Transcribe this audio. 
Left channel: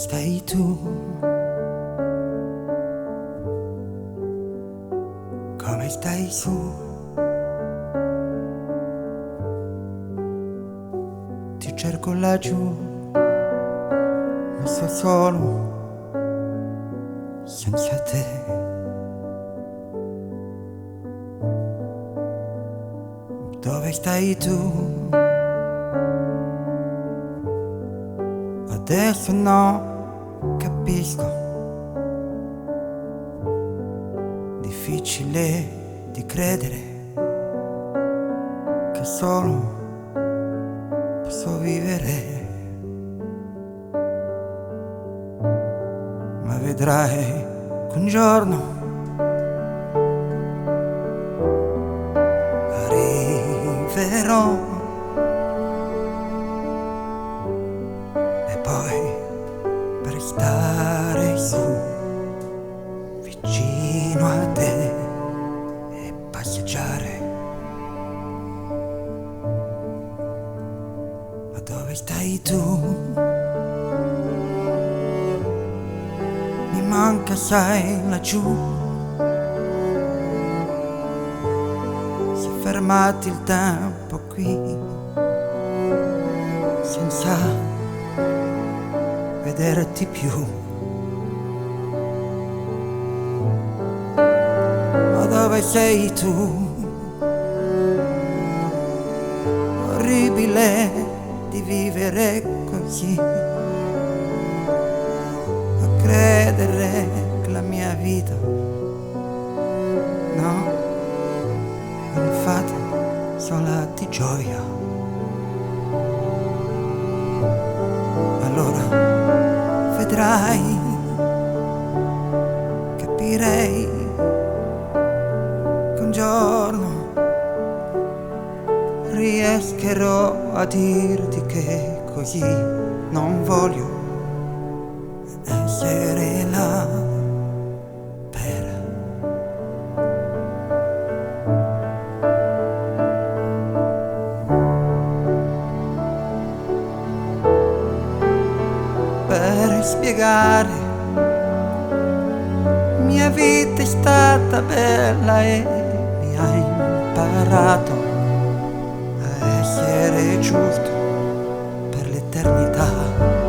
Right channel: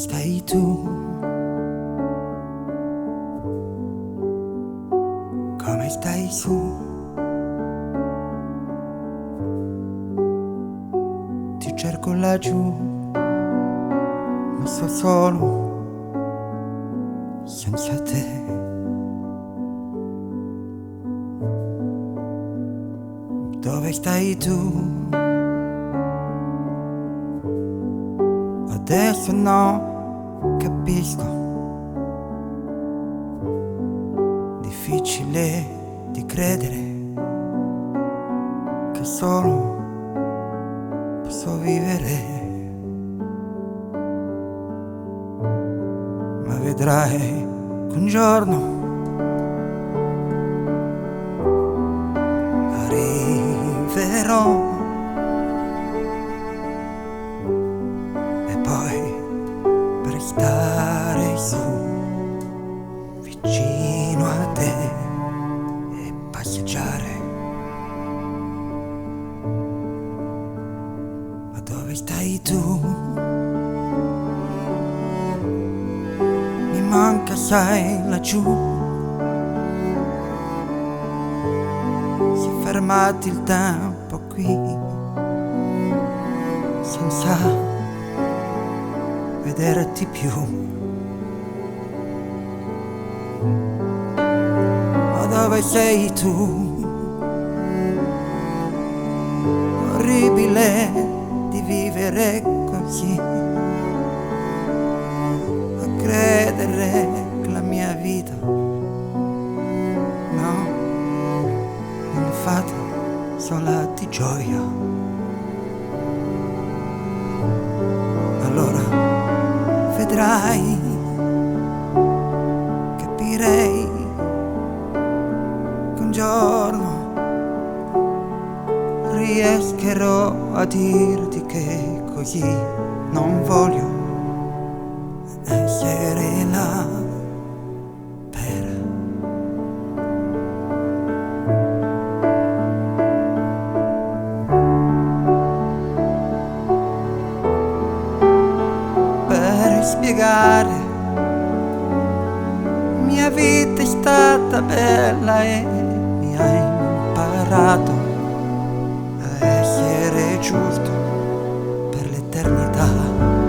stai tu? Come stai su? Ti cerco laggiù, ma so solo senza te. Dove stai tu? Adesso no, capisco. Difficile di credere che solo posso vivere. Ma vedrai che un giorno arriverò. E poi per stare su vicino a te e passeggiare. Ma dove stai tu? Mi manca, sai, laggiù. Si è fermato il tempo qui, senza vederti più. Ma dove sei tu? Orribile di vivere così, a credere che la mia vita no, non è fatta sola di gioia. Allora vedrai, capirei che un giorno riescherò a dirti che così non voglio essere là per spiegare. Mia vita è stata bella e mi ha imparato a essere giusto per l'eternità.